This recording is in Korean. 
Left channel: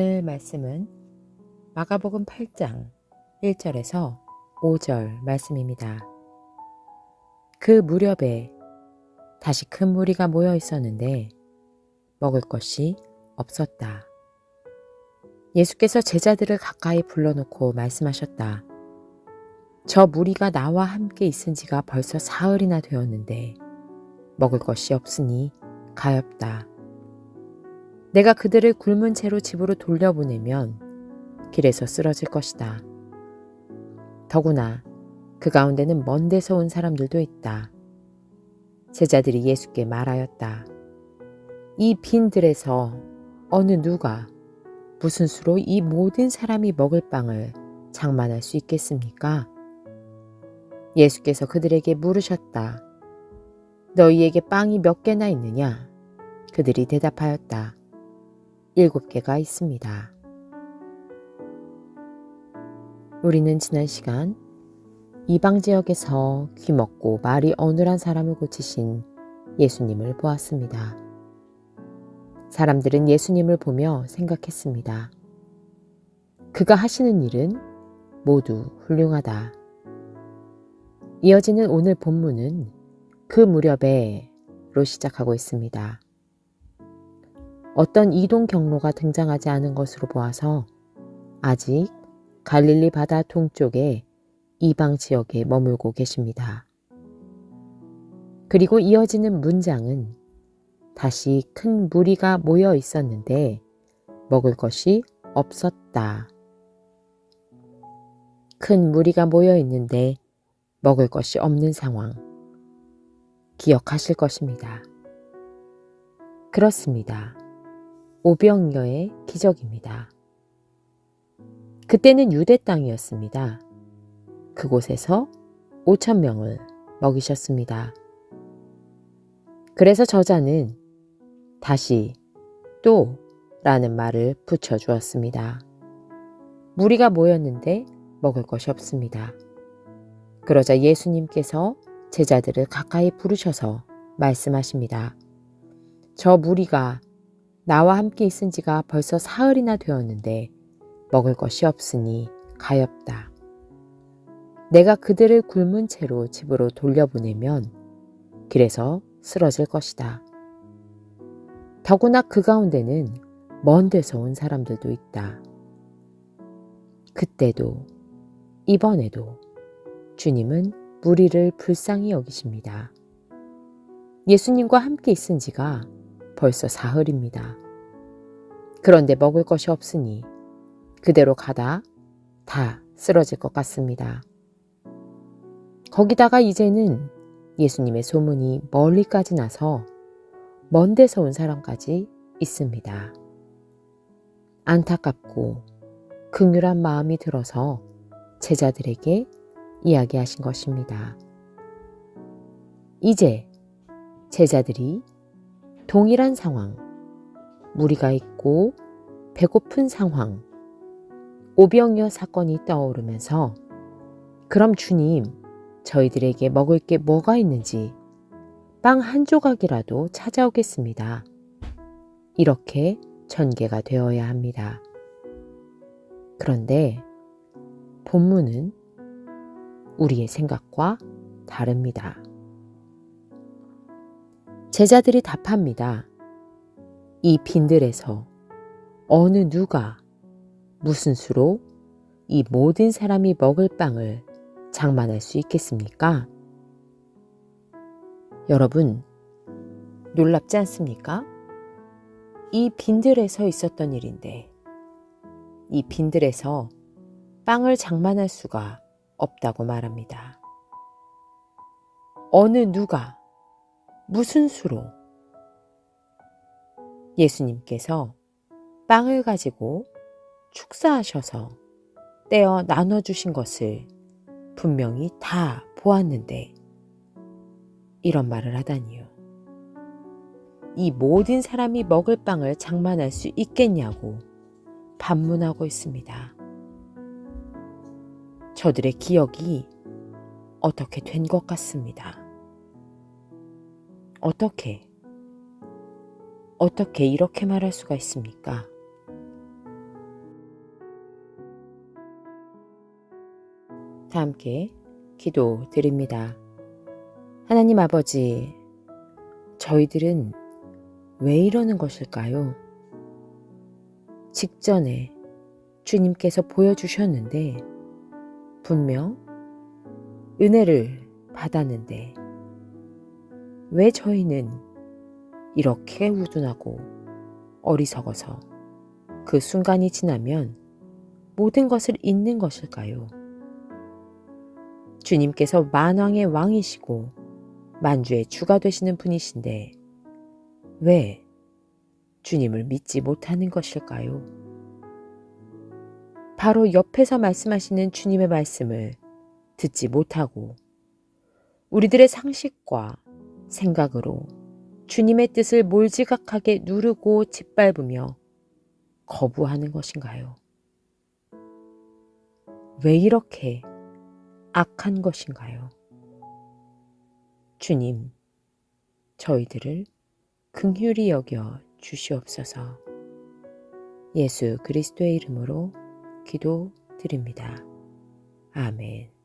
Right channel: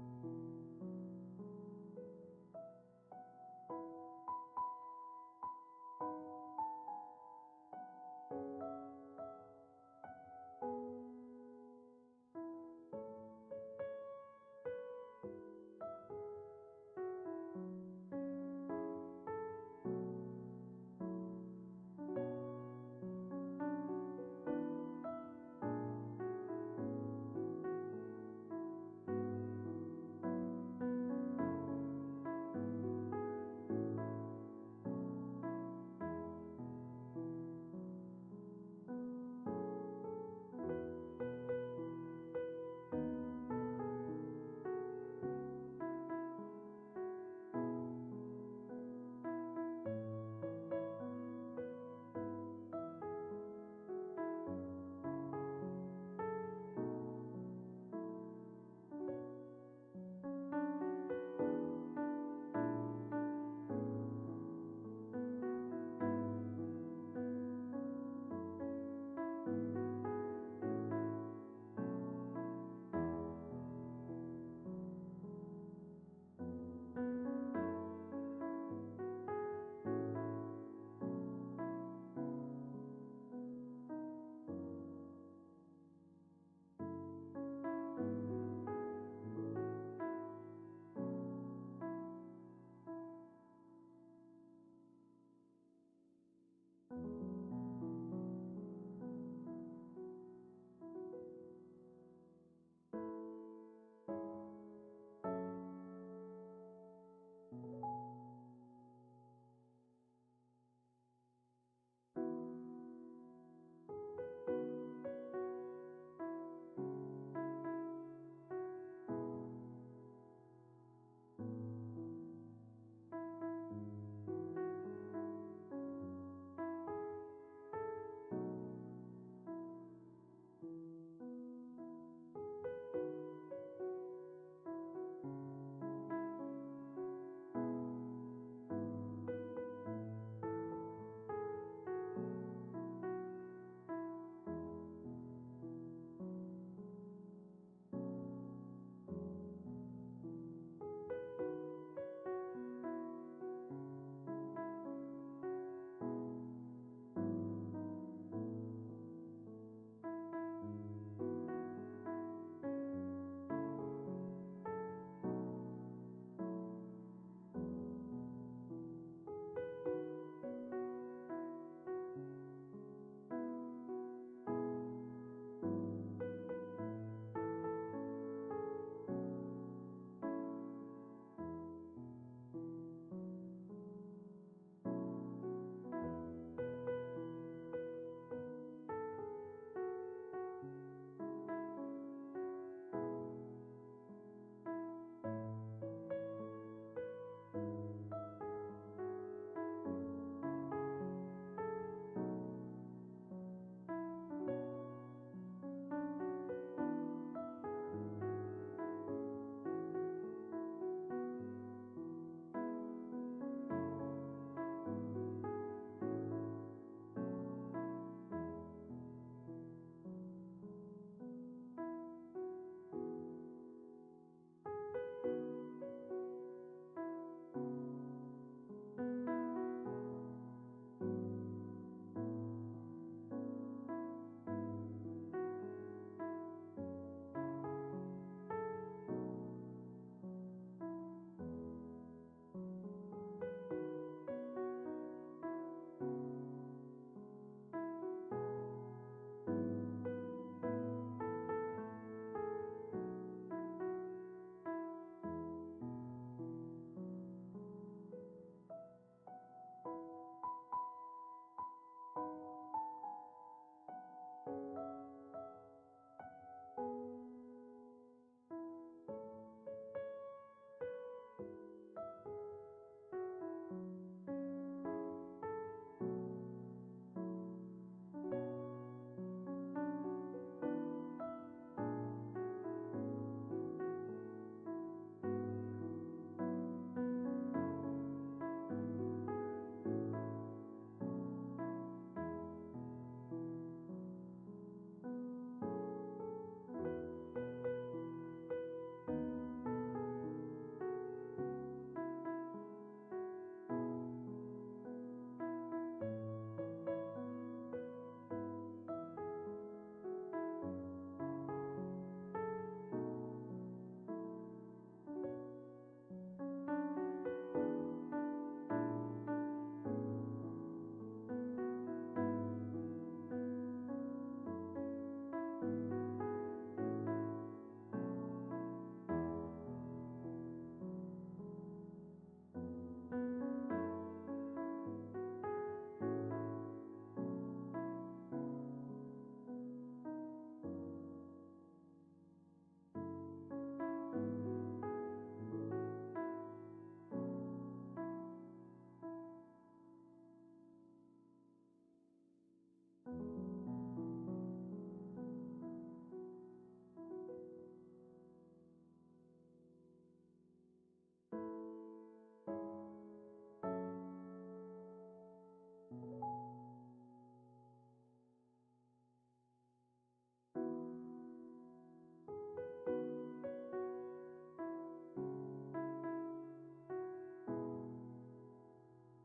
오늘 말씀은 마가복음 8장 1절에서 5절 말씀입니다. 그 무렵에 다시 큰 무리가 모여 있었는데 먹을 것이 없었다. 예수께서 제자들을 가까이 불러놓고 말씀하셨다. 저 무리가 나와 함께 있은 지가 벌써 사흘이나 되었는데 먹을 것이 없으니 가엾다. 내가 그들을 굶은 채로 집으로 돌려보내면 길에서 쓰러질 것이다. 더구나 그 가운데는 먼 데서 온 사람들도 있다. 제자들이 예수께 말하였다. 이 빈들에서 어느 누가 무슨 수로 이 모든 사람이 먹을 빵을 장만할 수 있겠습니까? 예수께서 그들에게 물으셨다. 너희에게 빵이 몇 개나 있느냐? 그들이 대답하였다. 일곱 개가 있습니다. 우리는 지난 시간 이방 지역에서 귀 먹고 말이 어눌한 사람을 고치신 예수님을 보았습니다. 사람들은 예수님을 보며 생각했습니다. 그가 하시는 일은 모두 훌륭하다. 이어지는 오늘 본문은 그 무렵에로 시작하고 있습니다. 어떤 이동 경로가 등장하지 않은 것으로 보아서 아직 갈릴리 바다 동쪽에 이방 지역에 머물고 계십니다. 그리고 이어지는 문장은 다시 큰 무리가 모여 있었는데 먹을 것이 없었다. 큰 무리가 모여 있는데 먹을 것이 없는 상황. 기억하실 것입니다. 그렇습니다. 오병이어의 기적입니다. 그때는 유대 땅이었습니다. 그곳에서 5천 명을 먹이셨습니다. 그래서 저자는 다시 또 라는 말을 붙여주었습니다. 무리가 모였는데 먹을 것이 없습니다. 그러자 예수님께서 제자들을 가까이 부르셔서 말씀하십니다. 저 무리가 나와 함께 있은 지가 벌써 사흘이나 되었는데 먹을 것이 없으니 가엾다. 내가 그들을 굶은 채로 집으로 돌려보내면 길에서 쓰러질 것이다. 더구나 그 가운데는 먼 데서 온 사람들도 있다. 그때도 이번에도 주님은 무리를 불쌍히 여기십니다. 예수님과 함께 있은 지가 벌써 사흘입니다. 그런데 먹을 것이 없으니 그대로 가다 다 쓰러질 것 같습니다. 거기다가 이제는 예수님의 소문이 멀리까지 나서 먼 데서 온 사람까지 있습니다. 안타깝고 극률한 마음이 들어서 제자들에게 이야기하신 것입니다. 이제 제자들이 동일한 상황, 무리가 있고 배고픈 상황, 오병이어 사건이 떠오르면서 그럼 주님, 저희들에게 먹을 게 뭐가 있는지 빵 한 조각이라도 찾아오겠습니다. 이렇게 전개가 되어야 합니다. 그런데 본문은 우리의 생각과 다릅니다. 제자들이 답합니다. 이 빈들에서 어느 누가 무슨 수로 이 모든 사람이 먹을 빵을 장만할 수 있겠습니까? 여러분, 놀랍지 않습니까? 이 빈들에서 있었던 일인데, 이 빈들에서 빵을 장만할 수가 없다고 말합니다. 어느 누가, 무슨 수로 예수님께서 빵을 가지고 축사하셔서 떼어 나눠주신 것을 분명히 다 보았는데 이런 말을 하다니요. 이 모든 사람이 먹을 빵을 장만할 수 있겠냐고 반문하고 있습니다. 저들의 기억이 어떻게 된 것 같습니다. 어떻게, 어떻게 이렇게 말할 수가 있습니까? 다 함께 기도 드립니다. 하나님 아버지, 저희들은 왜 이러는 것일까요? 직전에 주님께서 보여주셨는데, 분명 은혜를 받았는데, 왜 저희는 이렇게 우둔하고 어리석어서 그 순간이 지나면 모든 것을 잊는 것일까요? 주님께서 만왕의 왕이시고 만주의 주가 되시는 분이신데 왜 주님을 믿지 못하는 것일까요? 바로 옆에서 말씀하시는 주님의 말씀을 듣지 못하고 우리들의 상식과 생각으로 주님의 뜻을 몰지각하게 누르고 짓밟으며 거부하는 것인가요? 왜 이렇게 악한 것인가요? 주님, 저희들을 긍휼히 여겨 주시옵소서. 예수 그리스도의 이름으로 기도 드립니다. 아멘.